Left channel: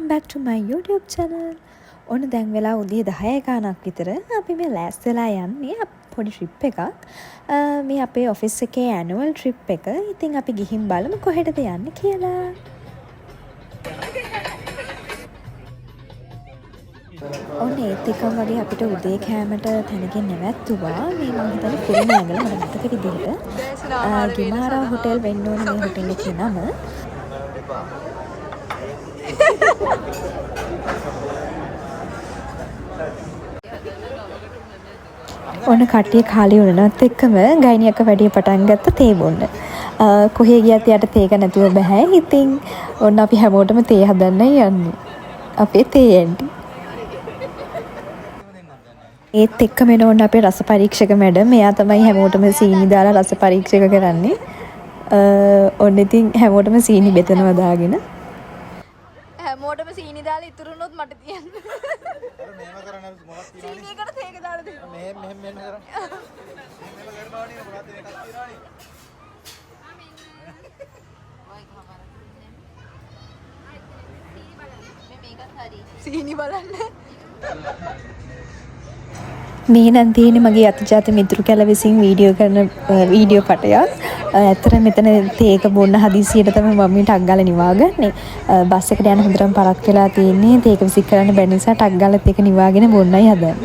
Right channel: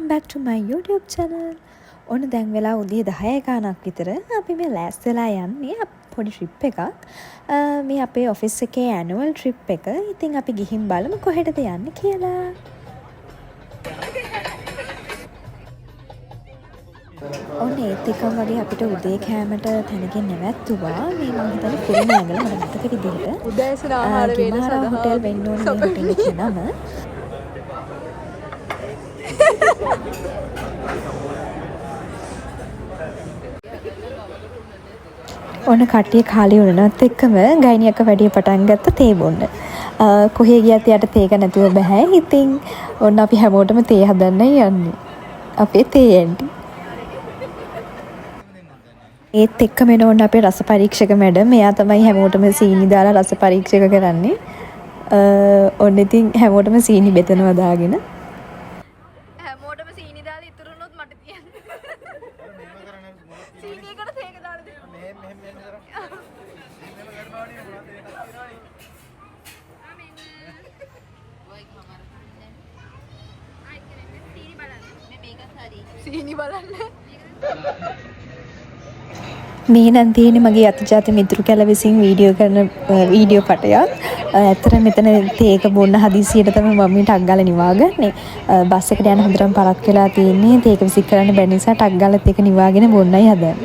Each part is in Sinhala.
welcome back to my YouTube channel. ඔන්න දැන් වෙලා උදේ 10 ගානක් විතර අපි මේ ලෑස්ති වෙලා යන්නේ පොඩි ට්‍රිප් එකක්. මේ අපේ ඔෆිස් එකේ ඇනුවල් ට්‍රිප් එක. ඉතින් අපි ගිහින් බලමු කොහෙටද යන්නේ කියලා. ඔන්න ඒත් එකම වගේ අපිට උදේ කෑමට තැනකින් නැවැත්තුවා. මේ මම හිතන්නේ කුරුණෑගල මට මතක විදිහට. උදෑසන ආහාර ගිමාරා හොටෙල් වෙන්න ඕනේ මේ හොටෙල් එකේ නම. ඔන්න කට්ටිය කාලේ උනනත් එක්කම ගයිනියක වැඩි පටන් ගත්ත තේ බොන්න. කොහේ ගියත් යට තේක නැතුව බෑ. ඉතින් ඔන්න අපි හැමෝටම තේ හදන්න යන්නේ. අපේ තේ ඇන්ටි. ඒත් එක්කම එන ඔන්න අපේ රස පරීක්ෂක මැඩම්. එයා තමයි හැමෝටම සීනි දාලා රස පරීක්ෂක කරන්නේ. ඔන්න ඉතින් හැමෝටම සීනි බෙදනවා දාගෙන. හැමෝටම සීනි දාලා ඉතුරු වුණොත් මට තියන්න. සීනි එකට තේක දාලා දෙන්න. මෙහෙම සීනි බලන්න. මේ නම් තියෙන්නේ මගේ අතිජාත මිතුරු කැල විසින් වීඩියෝ කරන වීඩියෝ පටයක්. ඇත්තට මෙතන තේක බොන්න හදිසියට තමයි මම මේ ටක් ගාලා නිවාගන්නේ. බස් එකට යන හොඳටම පරක් වෙලා තියෙන්නේ. තේක විසික් කරන්න බැරි නිසා ටක් ගාලා තේක නිවාගෙන බොන්නයි හදන්නේ.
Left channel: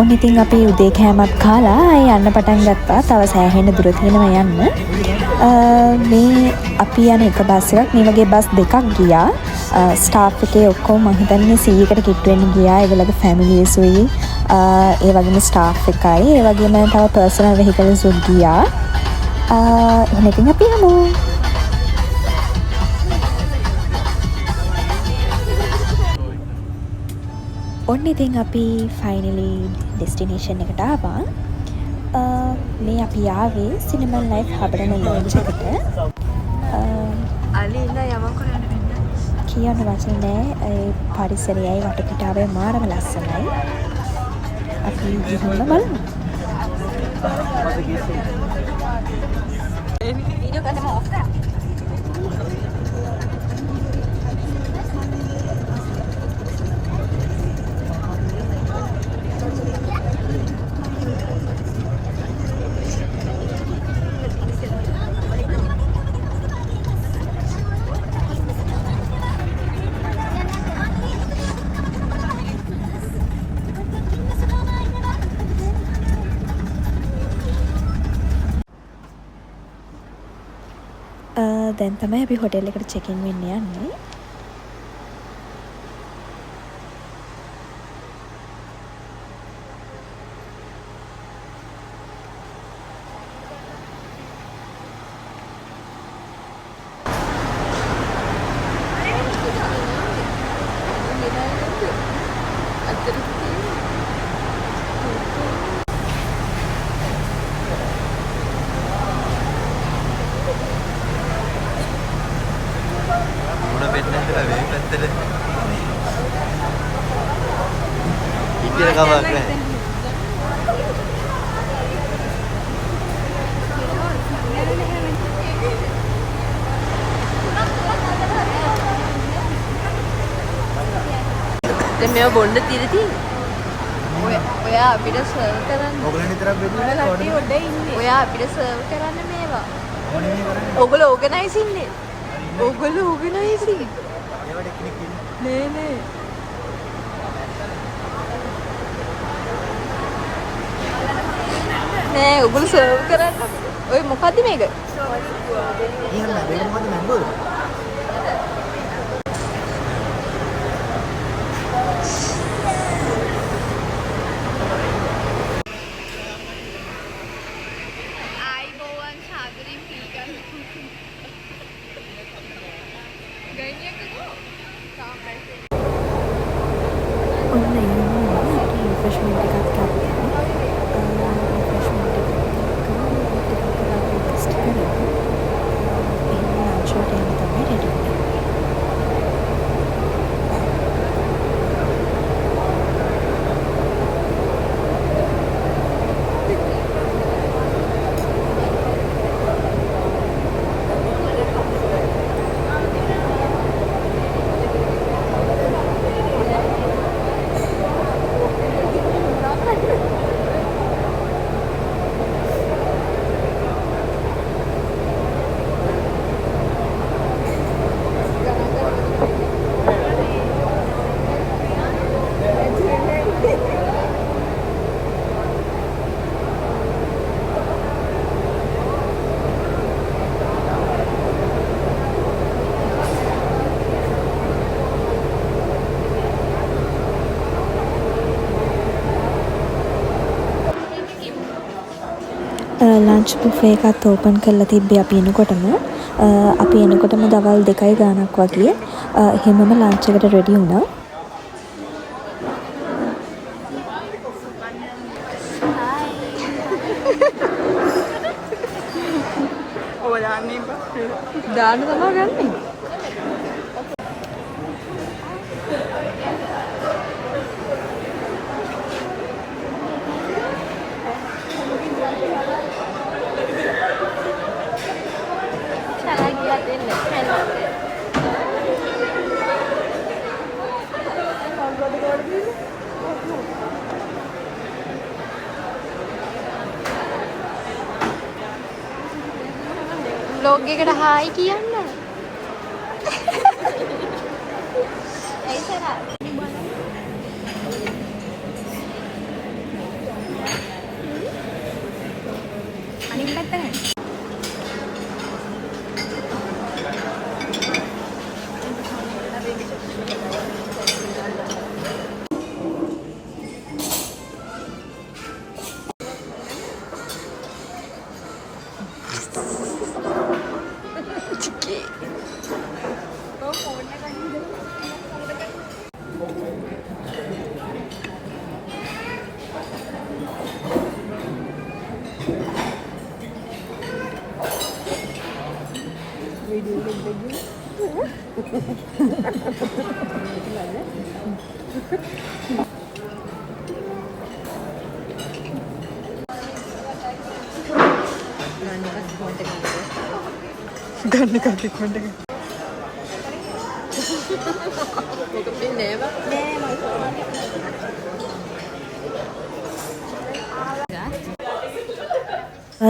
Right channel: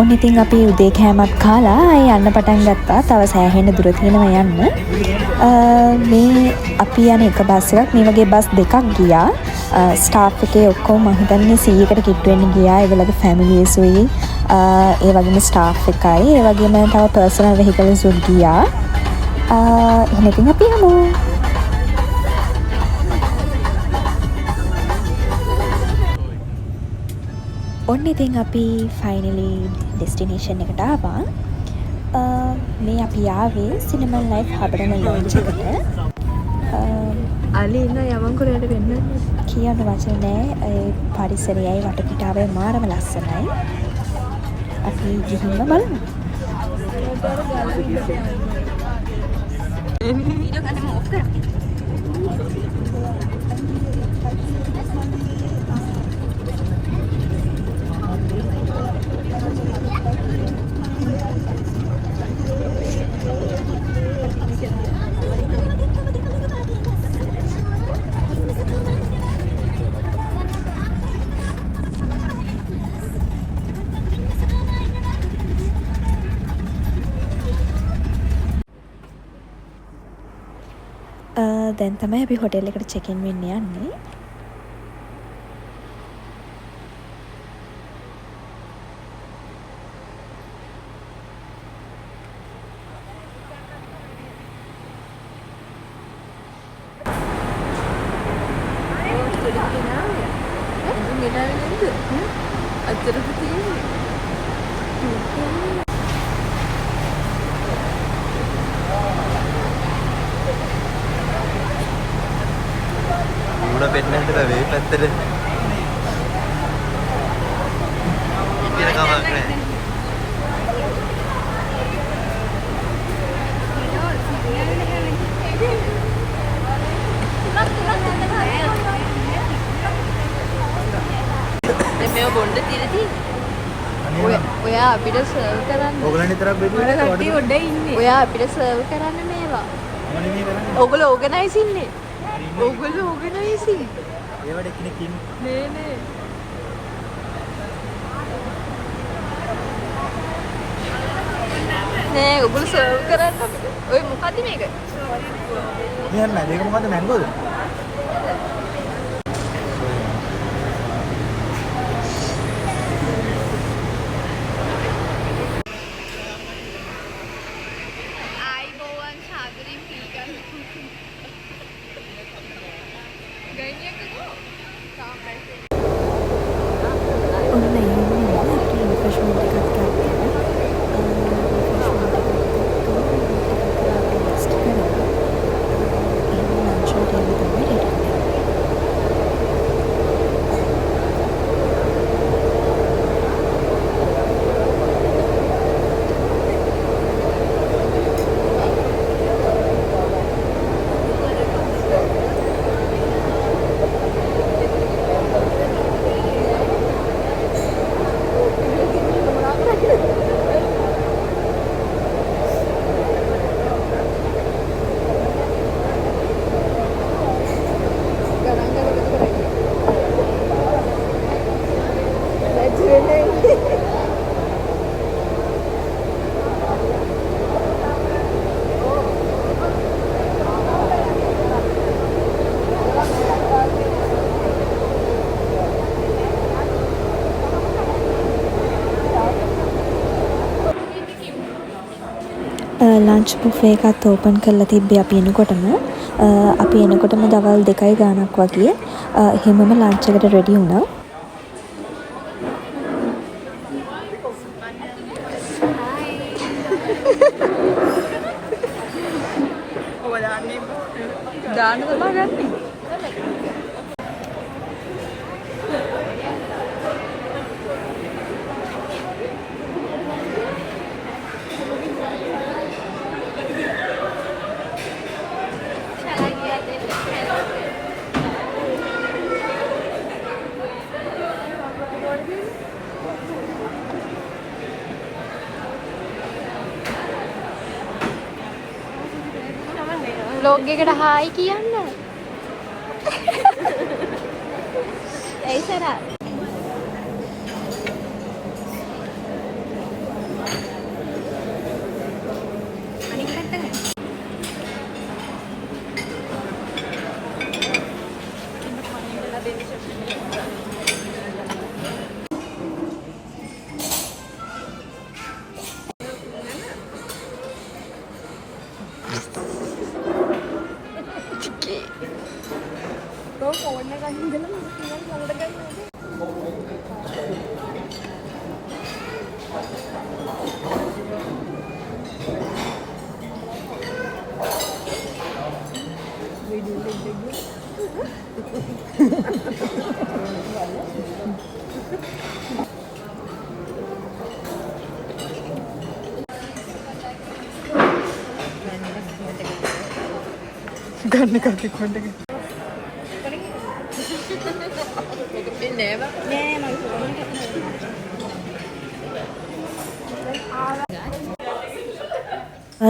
ඔන්න ඉතින් අපි උදේ කෑමක් කාලා යන්න පටන් ගත්තා. තව සෑහෙන දුර තියෙනවා යන්න. මේ අපි යන එක බස් එකක් මේ වගේ බස් දෙකක් ගියා. ස්ටාෆ් එකේ ඔක්කොම මම හිතන්නේ 100කට කිට්ටු වෙන්න ගියා. ඒගොල්ලෝගේ ෆැමිලිස්ුයි ඒ වගේම ස්ටාෆ් එකයි ඒ වගේම තව පර්සනල් වෙහිකල්ස් උත් ගියා. එහෙනම් ඉතින් අපි යමු. ඔන්න ඉතින් අපි ෆයිනලි ඩෙස්ටිනේෂන් එකට ආවා. මේ අපි ආවේ සිනමන් ලයිෆ් හබරන ලොන්ජ් එකට. අලි ඉන්න යමන් කරවල දෙන්න. කියන්න වචන නෑ. ඒ පරිසරයයි වටපිටාවයි මාරම ලස්සනයි. අපි ගිහින්ම බලමු. දැන් තමයි අපි හොටෙල් එකට චෙක් ඉන් වෙන්න යන්නේ. පෙන්නන්ට වේ පැත්තට ඉතින් කමක් නැහැ. දැන් මේව බොන්න තියෙදි ඔයා අපිට සර්ව් කරන්න. ඔයගොල්ලෝ විතරක් බෙදුවේ ඔයාට ඔයා අපිට සර්ව් කරන්න මේවා. මම නෙමෙයි කරන්නේ. ඔයගොල්ලෝ ඕගනයිස් ඉන්නේ. ඔයගොල්ලෝ ඕගනයිස් ඉන්නේ. ඒවට කෙනෙක් ඉන්නේ. නෑ. නෑ ඔයගොල්ලෝ සර්ව් කරන්න අපිට. ඔය මොකද්ද මේක? කියන්න මේක මොකද්ද මැංගෝද? ඔන්න ඉන්නවා අපි රිෆ්‍රෙශ්මන්ට් එකක් ගත්තා. රිෆ්‍රෙශ්මන්ට් එකත් එක්කම ටිකක් කරලා රෙස්ට් කරලා එහෙනම් ලන්ච් වලට යන්න තමයි රෙඩි වෙන්නේ. ලන්ච් බුෆේ එකත් ඕපන් කරලා තිබ්බේ අපි එනකොටම දවල් 2යි ගානක් වගේ එහෙමම ලන්ච් එකට රෙඩි වුණා. දාන්න තමයි ගන්නේ. vlog එකට හායි කියන්න. ගන්න කටික්මට එක.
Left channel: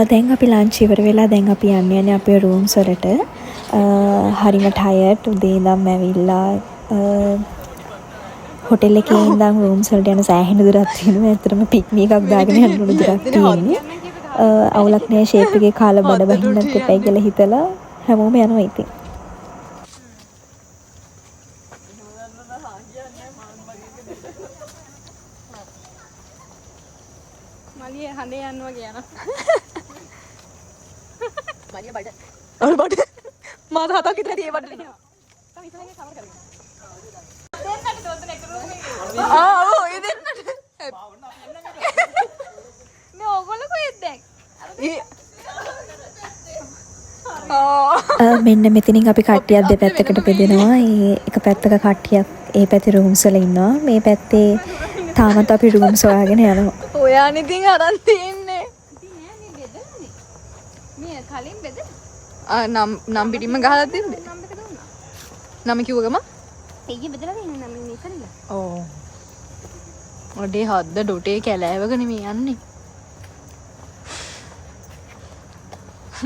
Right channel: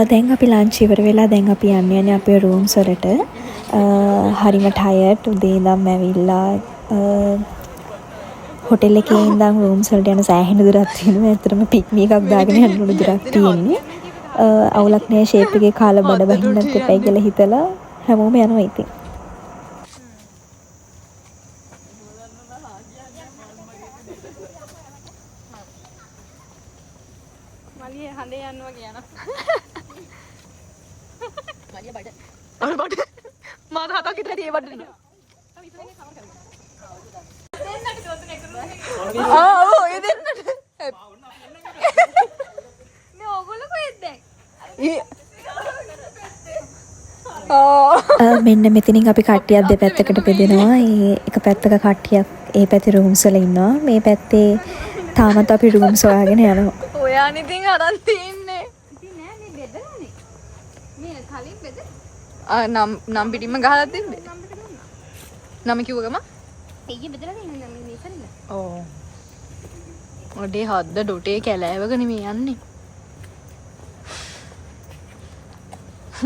දැන් අපි ලන්ච් ඉවර වෙලා දැන් අපි යන්නේ අපේ රූම්ස් වලට. හරිම ටයර්ඩ් උදේ ඉඳන් ඇවිල්ලා හොටෙල් එකේ ඉඳන් රූම්ස් වලට යන සෑහෙන දුරක් තියෙනවා. ඇත්තටම පික්නික් එකක් දාගෙන යන්න උණු දුරක් තියෙන්නේ. අවුලක් නෑ ෂේප් එකේ කාලා බඩ බහින්නත් එපයි කියලා හිතලා හැමෝම යනවා ඉතින්. මලිය හඳේ යන්න වගේ යනවා. මලිය බඩ. අර බඩ. මාත හතක් විතර ඒ බඩ නේ. ඔව් ඒ දෙන්නට. මේ ඔයගොල්ලෝ කොහෙද දැන්? මෙන්න මෙතනින් අපි කට්ටියක් දෙපැත්තකට බෙදෙනවා. එක පැත්තක කට්ටියක් ඒ පැත්තේ රූම්ස් වල ඉන්නවා. මේ පැත්තේ තාමත් අපි රූම්ස් හොයාගෙන යනවා. ඔයාන් ඉතින් අරන් තින්නේ. ඉතින් නෑ මේ බෙදලානේ. මේ කලින් බෙදලා. නම් පිටින්ම ගහලා තිබ්බේ. නම කිව්ව ගම? දෙයිය බෙදලා ඉන්නේ නම් මේ ඉතින්. ඔව්. ඔඩේ හද්ද ඩොටේ කැලෑවගෙන මේ යන්නේ.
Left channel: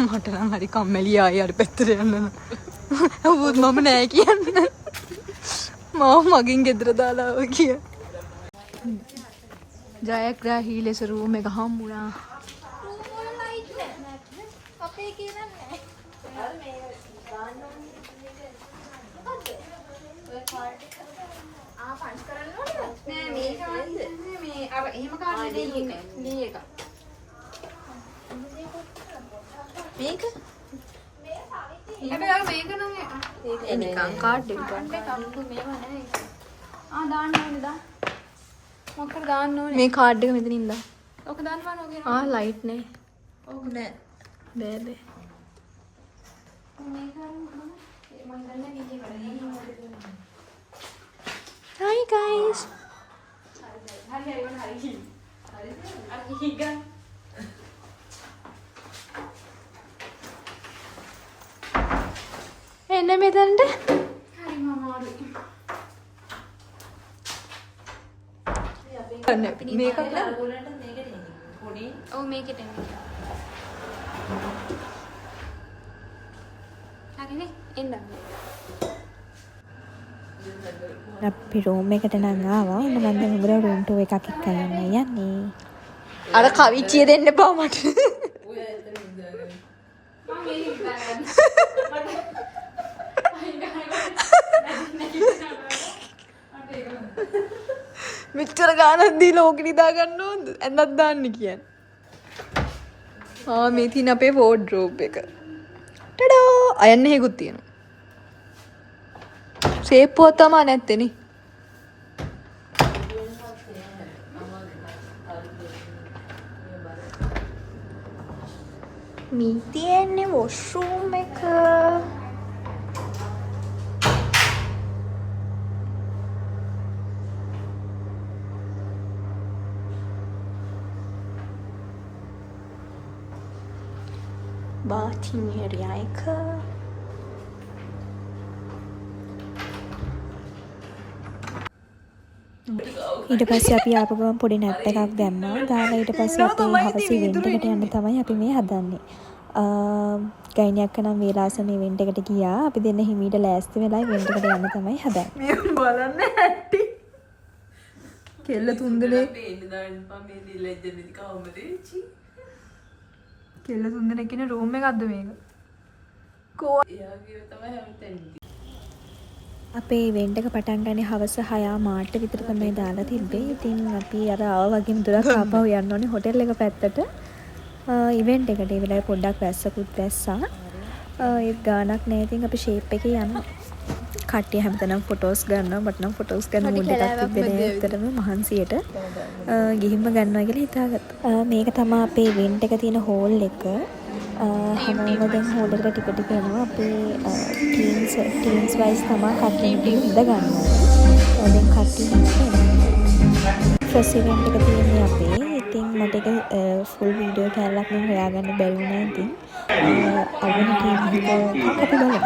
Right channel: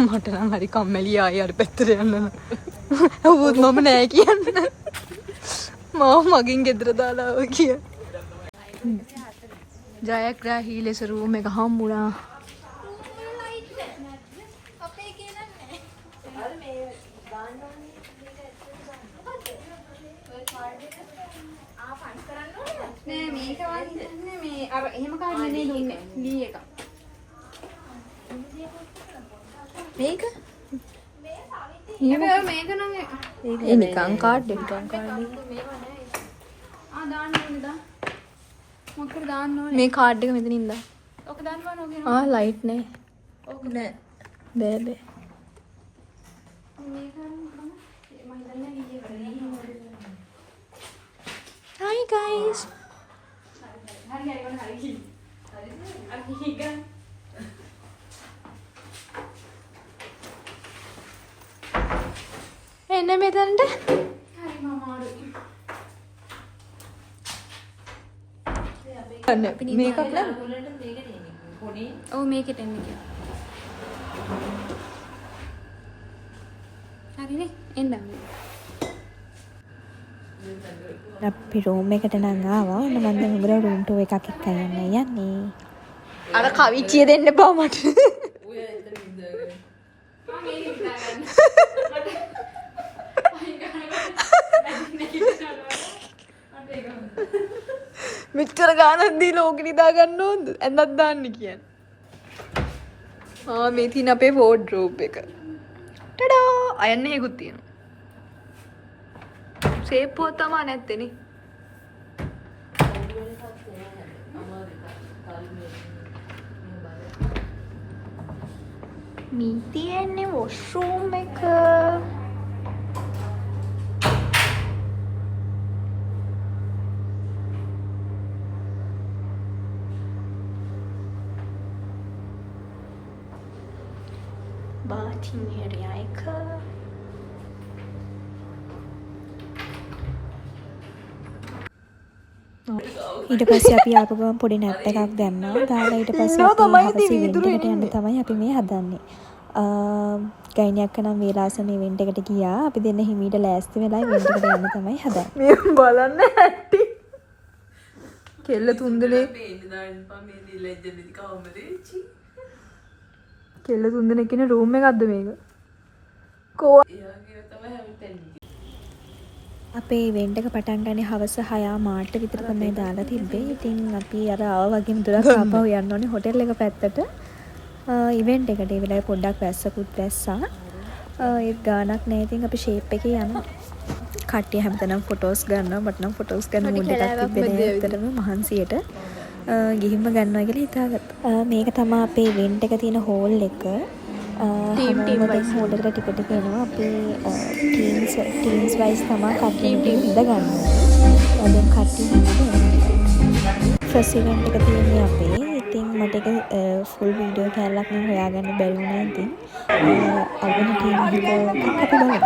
මට නම් හරි කම්මැලි ආයෙ අර පැත්තට යන්න. අවුත් මම නෑ කියන්න. මම මගෙන් ගෙදර දාලා ආවා කිය. ජයග්‍රාහී ලෙස රූම් එක හම්බුණා. නෑ මේක වන්ද මේ අර එහෙම කාර්ඩ් නේ දුන්නේ ලී එක. මේක මේක නම් ඒක නිකන් කාඩ් එක. දාන්න ඕනේද? මොකද දාන්න ඕනේ? මේ කාඩ් එක මෙතනින් දා. ඔක දාන්න ඕනේ. ලයිට් නේ. ඔව් නෑ. බෑ බෑ. Hi guys. එන්න මෙතනට. මේකක් නෑ. ඔව් මේකට එන්නේ. හරිනේ එන්න. අපි රූම් එකට නම් ආවා. ඔන්න මම දැන් උඹලා රූම් ටූ එකක් එක්ක යන්නේ. අර කවිච්චිය දෙන්න බා මට. මෙච්චර ගානක් දීලා ඕක නිදා ගන්න ඕනද? ඇඳක් දාන්න කියන්නේ. මේ තියෙන අපේ වෝඩ්‍රෝබ් එක. ටඩා! අයන්න හේකුත් තියෙනවා. සේප්පුවක් තමයි නැත්තේ නේ. මේ තියෙන්නේ වොෂ්රූම් එක. bathing area එක. ඊට පස්සේ අපි ආපු ගමන් පොඩි නැප් එකක් දැම්මා. දාලා ඊට පස්සේ අපේ හවස ඉවෙන්ට් එකට යන්න තමයි අපි මේ හදන්නේ. ගයිනියක් නම් වේලාසන ඉවෙන්ට් එකට ගියා. අපි දෙන්න හිමීට ලෑස්ති වෙලා ඉවෙන්ට් එකට යන්න තමයි හදන්නේ. මේ බලන්න ඇටි. කෙල්ල තුන්දෙනේ කෙල්ල තුන්දෙනෙක් ඉන්න රූම් එකක්ද මේක? කෝ අපේ ඉවෙන්ට් එක පටන් ගන්නේ හවස 6:00 විතර තමයි දාලා තිබ්බේ. ඉතින් අපි අර ආවා වගේම දුරක් ආපහු යන්න ඕනේ හොටෙල් එක පැත්තට. ඉවෙන්ට් එකට ඒ වෙලාවේ පොඩ්ඩක් වැස්සකුත් වැස්සා. ඒත් ගානක් නැහැ. ඉතින් අපි ෂේප් එකේ යනවා. කට්ටිය හැමතැනම ෆොටෝස් ගන්නවා. මට නම් ෆොටෝස් ගන්න මූඩ් එකක් තිබ්බේ නෑ. ඇත්තටම මහන්සියට ගිහින්ම ගන්නවා කියලා හිතාගත්තා. මේක තමයි අපේ ඉවෙන්ට් එක තියෙන හෝල් එක. හැමෝම දැන් හෝල් එකට ටික ටික එනවා. අපේ ටීම්ස් වයිස් තමයි කට්ටියම ඉඳ ගන්න ඕනේ. දැන් කට්ටිය ඉඳලා ෆස්ට් ඉවෙන්ට් එක තියෙන්නේ අපේ. ඉතින් මට ඒක ෆුල් වීඩියෝ කැලලක් නම් හොයාගන්න බැරි වුණා. ඉතින් අල්බන ටීම් එකක් අපි බලමු.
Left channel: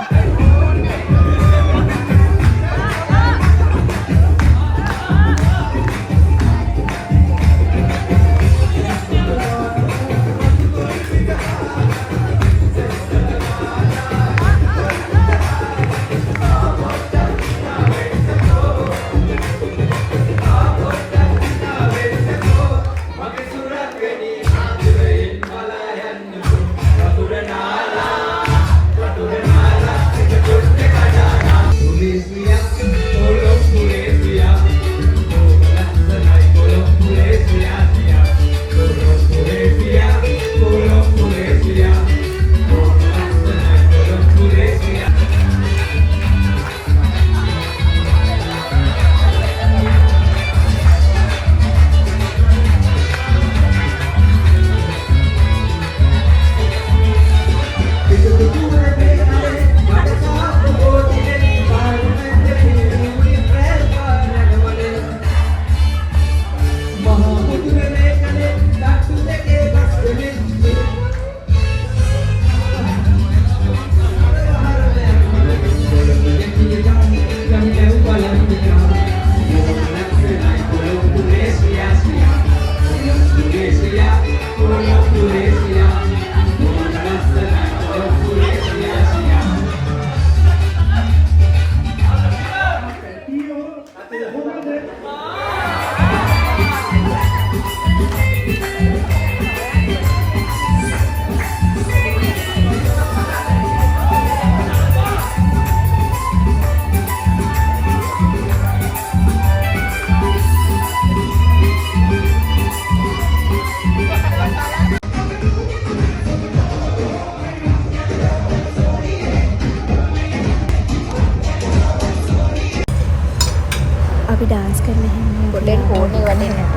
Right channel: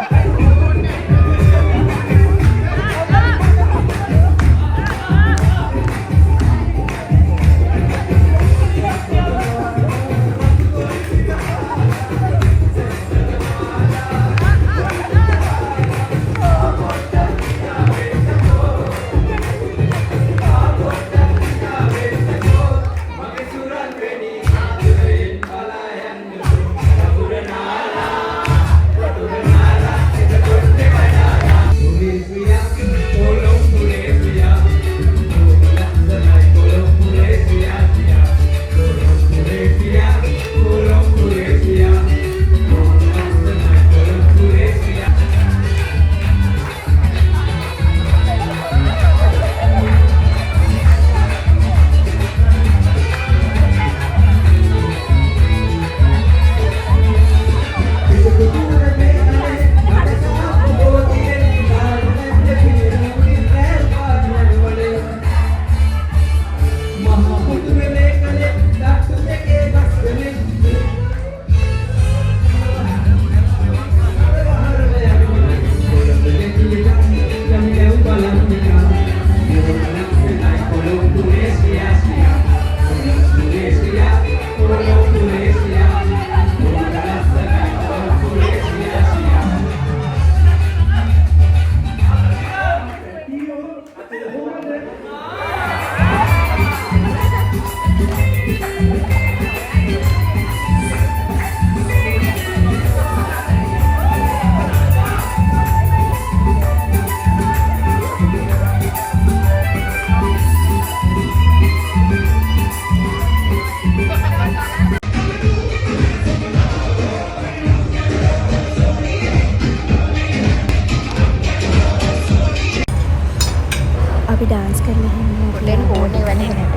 අපි ඩාන්ස් කරලා එහෙම හොටෙල් ෆෝන් එක වැඩේ නේද?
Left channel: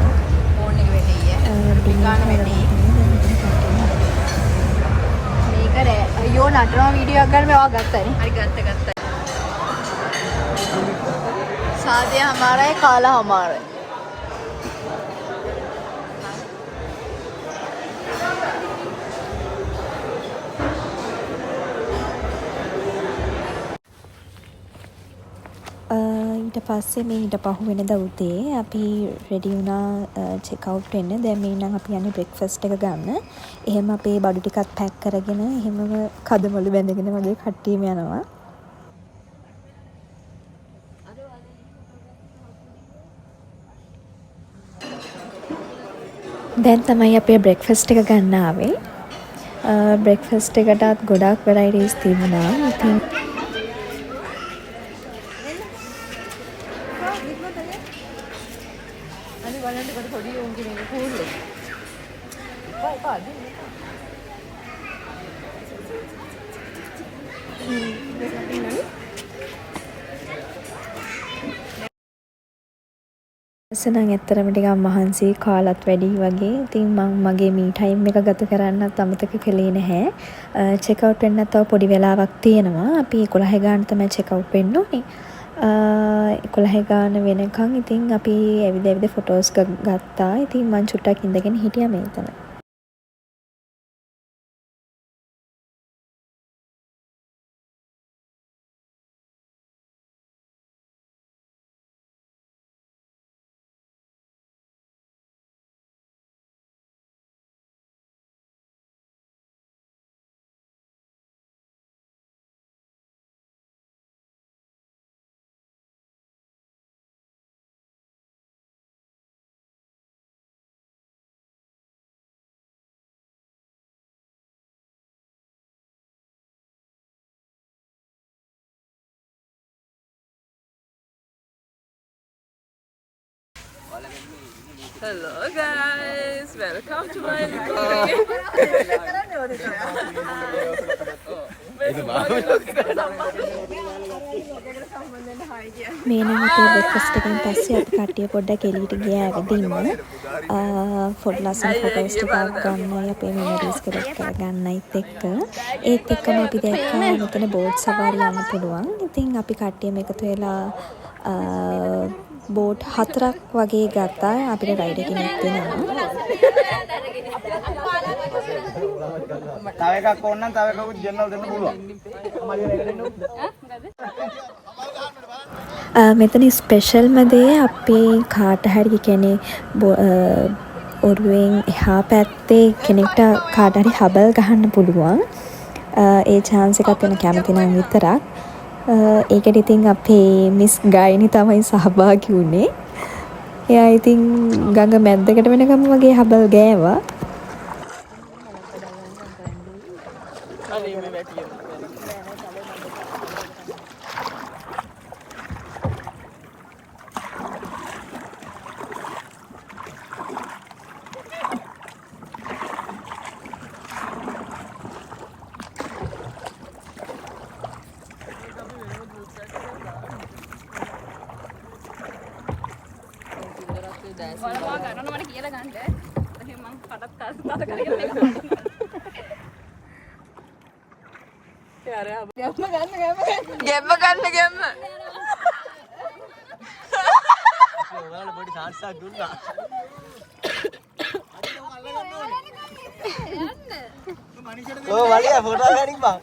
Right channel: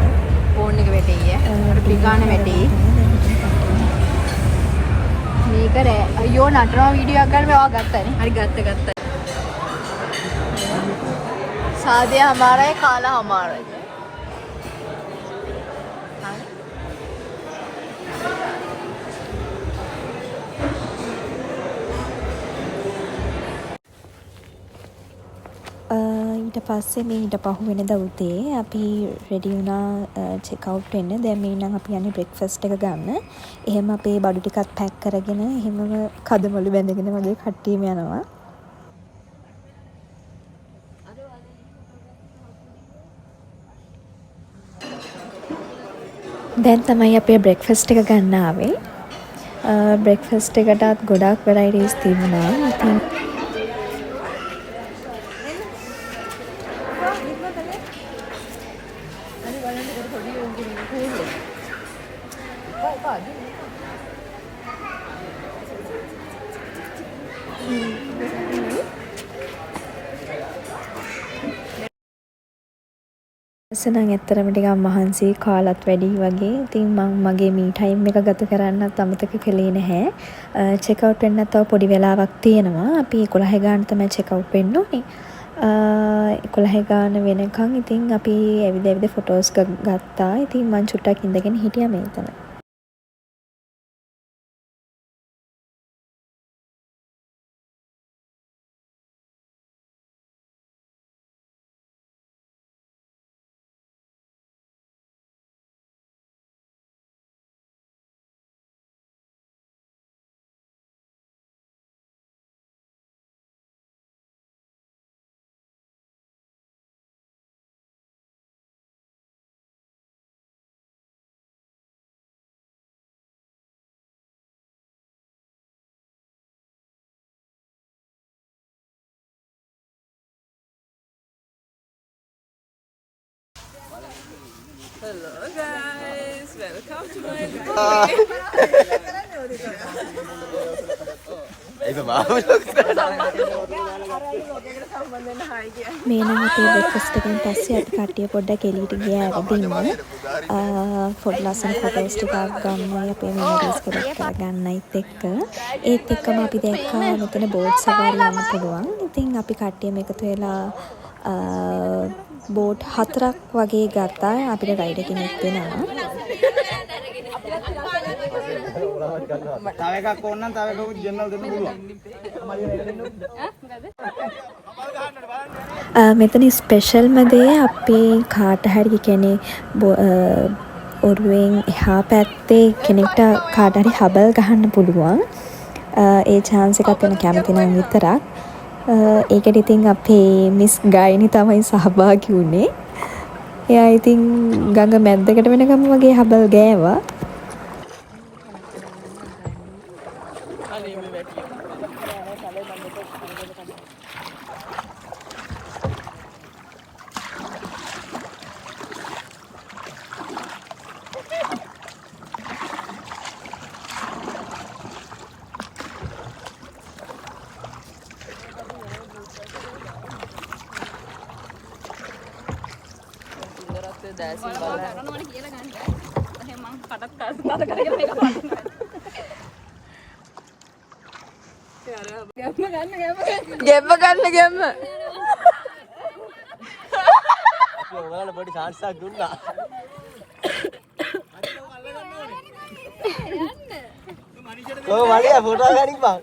ෆෝන් එක වැඩේ. ඩිමාන්ඩ් වැඩේ. මේක අයියෝ නටන වීඩියෝ එකක් ගන්න මේවා ගත්තා නේ. හරි ගත්තා. शादी हमारा है काला हमारा है. ඊට පස්සේ මේ ඊට පහුවෙන දවසේ අපි රෙඩි වුණා චෙක් අවුට් වෙන්න. දැන් මේ නම් අපි යන්නේ බ්‍රෙක්ෆාස්ට් එක ගන්න. එහෙම අපේ බඩු ටිකත් පැක් කරගෙන එහෙමම කදමලු බැඳගෙන වගේ කට්ටියම යනවා. දැන් තමයි අපේ බ්‍රෙක්ෆාස්ට් එක ගන්න ආවේ. බ්‍රෙක්ෆාස්ට් එකටත් ගොඩාක් වෙරයිටිස් තිබුණා. ඉතින් සනං ඇත්තරම ටිකක් මහන්සි කාලත් වැඩි වගේ. ඉතින් මම මගේ මී ටයිම් එක ගත කරන්නත් අමතක කළේ නැහැ. චෙක් අවුට් වෙන්න තව පොඩි වෙලාවක් තියෙනවා. අපි 11 ගාන තමයි චෙක් අවුට් වෙන්න ඕනේ. 11 ගාන වෙනකන් ඉතින් අපි ඇවිද ඇවිද ෆොටෝස් ගත්තා. ඉතින් මං චුට්ටක් ඉඳගෙන හිටියා මේතන. Hello guys, welcome to my මේ නම් අපේ බ්‍රෙක්ෆාස්ට් එකෙන් පස්සේ අපි කට්ටිය පොඩ්ඩක් එළියට ගියා ඇවිදින්න. ලස්සන ෆොටෝස් ටිකක් ගන්නයි අපේ මෙමරීස් කලෙක්ට් කරගන්නයිත් එක්ක. ඒත් එක්කම අපි දැක්කා මෙතන බෝට් සවාරි යන්න පුළුවන්. ඉතින් අපි කට්ටියම එකතු වෙලා බෝට් 4ක් වගේ ගත්තා. අපිට රයිඩර් කෙනෙක් දෙනවා. තව එකක් ඕන නම් තව එකකුත් ගෙන්නලා දෙන්න පුළුවන්. මෙතන ස්පෙෂල්ම දේ අපේ කාට හරි කෙනෙක් ඔරුවෙන් එහා පැත්තේ කෙනෙක්ට කාට හරි හබල් ගහන්න පුළුවන්. ඒ chance එකක් වෙන කැමති නම් විතරක්. ඒකට ඉතින් අපේ මිස් ගායනි තමයි සහභාගී වුණේ. එයා ඉතින් ගඟ මැද්දකට වෙනකම් වගේ හබල් ගෑවා. ගැම්ම ඔයාලා පොඩි chance එකක් දුන්නා. ඔය වලිය ෆොටෝ ගනින් බං.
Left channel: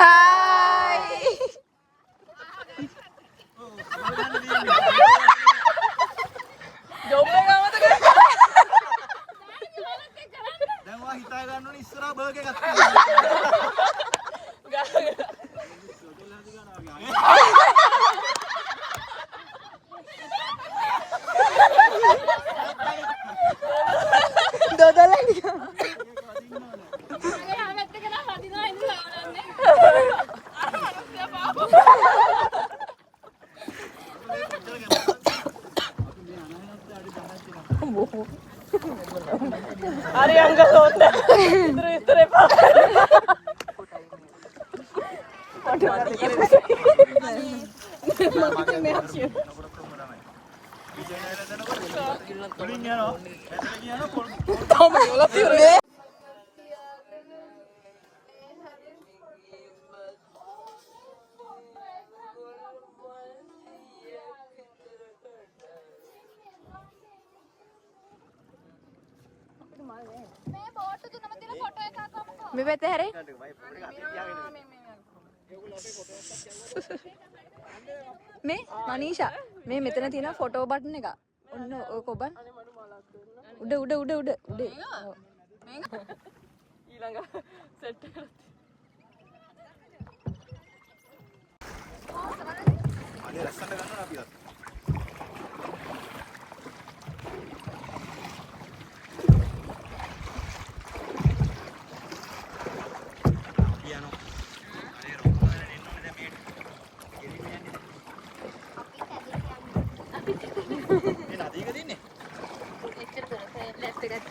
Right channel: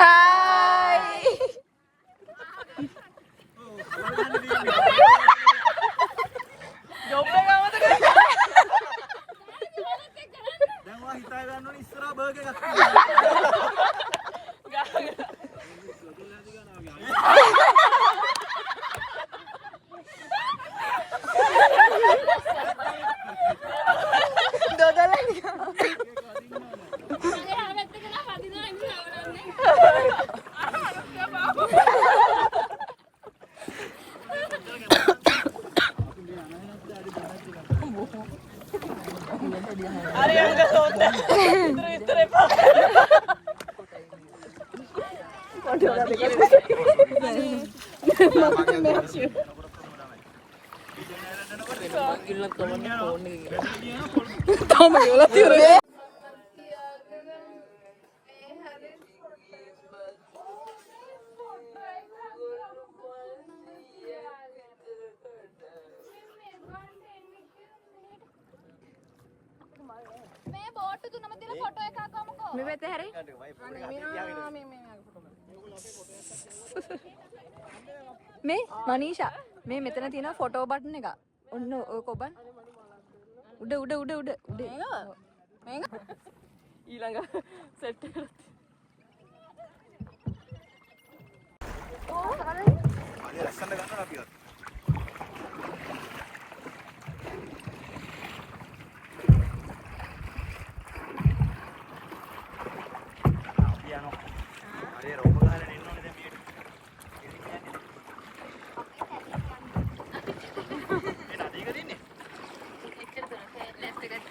Hi. ජොබ් එක ගමත දැන් ඔයා හිතා ගන්න ඕනේ ඉස්සරහා බර්ගර් එකක් මේ පැත්තේ හැරේ මේ මනීෂා මේ මෙතන තියෙන ෆොටෝ බටන් එක ඔන්න ඔය කොබන් උඩ ඊළඟ සෙට් එක අනේ රස්සන්න ගන්නවා අපි අර පියානෝ අනේ රෝබෝ ගහලා ඉන්න ඕනේ දැන් මේකට ගෙලින්න යන්නේ මේ නදී වල ඉන්නේ එච්චර දුර ෆේස් එකක්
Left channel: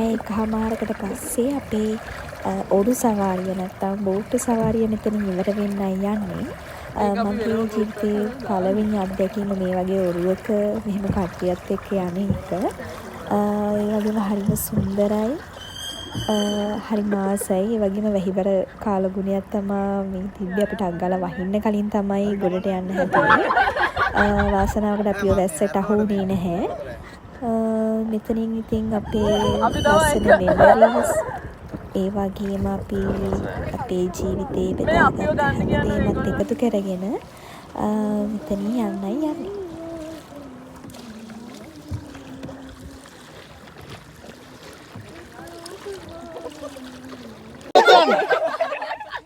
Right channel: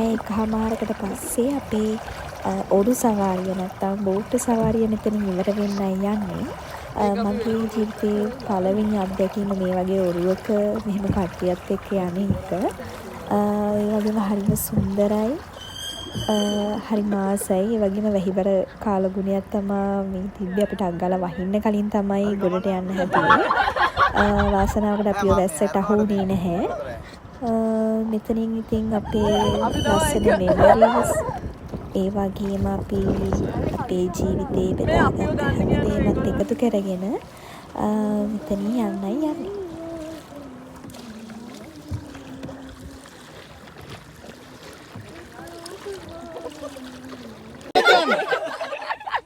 පැය එකහමාරකට පස්සේ අපේ ඔරු සවාරිය නැත්තම් බෝට්ටු සවාරිය මෙතනින් ඉවර වෙන්නයි යන්නේ. මගේ ජීවිතයේ පළවෙනි අත්දැකීම මේ වගේ ඔරුවක මෙහෙම කට්ටියත් එක්ක යන එක. ඒ වගේම හරිම සුන්දරයි. හරි මාසයි. ඒ වගේම වැහිවර කාලගුණයක් තමයි මේ තිබ්බේ. අපිට අග්ගලා වහින්න කලින් තමයි ගොඩට යන්න හැදුවේ. වාසනාවකට අපිව වැස්සට අහු වුණේ නැහැ. මෙතනින් ඉතින් අපේ ලස්සන මෙමරීස් ඒ වගේම අපි අපේ ජීවිතේ බෙදාගත්ත හැමදේමත් එකතු කරගෙන මෙතනින් යන්නයි යන්නේ.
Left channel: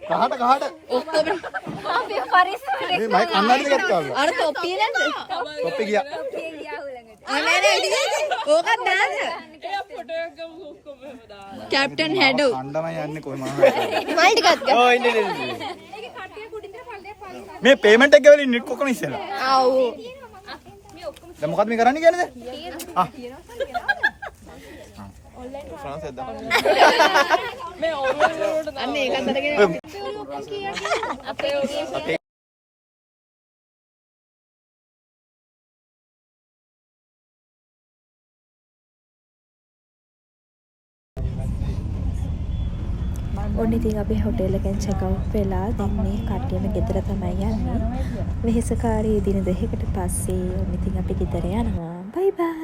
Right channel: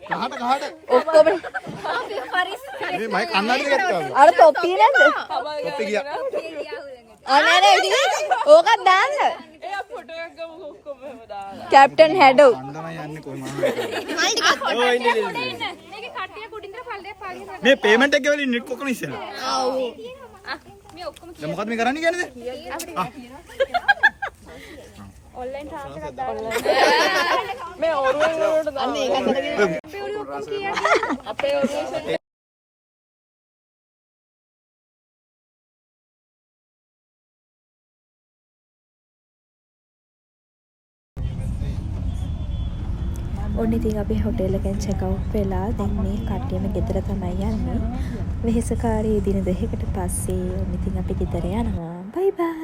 කහට ඔක්කොම මේ මයික් අන්නරිද ගත්තා වගේ. අර තොප්පිය නේද? තොප්පි ගියා. අනේ ඕකත් දාන්න. කැප්ටන් හැඩෝ. අඬම යන්නේ කොයි මම. මල් ටිකක් ගන්න. ඔය ඉන්නේ. මේ පේමන්ට් එක ගෙවලින් නෙට් කොකන ඉස්සෙල්ලා. ආව්. දැන් මොකද්ද මේ කරන්නේ කියන්නේ? ආ. ඔන්ලයින් ට්‍රාන්ස්ලේට් දාන්න. මේ අන්නේ ඒකත් අරගෙන අපේ ඔන්න ඉතින් අපි හොටෙල් එකෙන් චෙක් අවුට් වෙලා දැන් මේ කට්ටියම ගෙදර තමයි යන්නේ. වෙහෙසකාරී දින දෙකකට පස්සේ ඔන්න ඉතින් අපි ගෙදර යනවා. බයි බයි.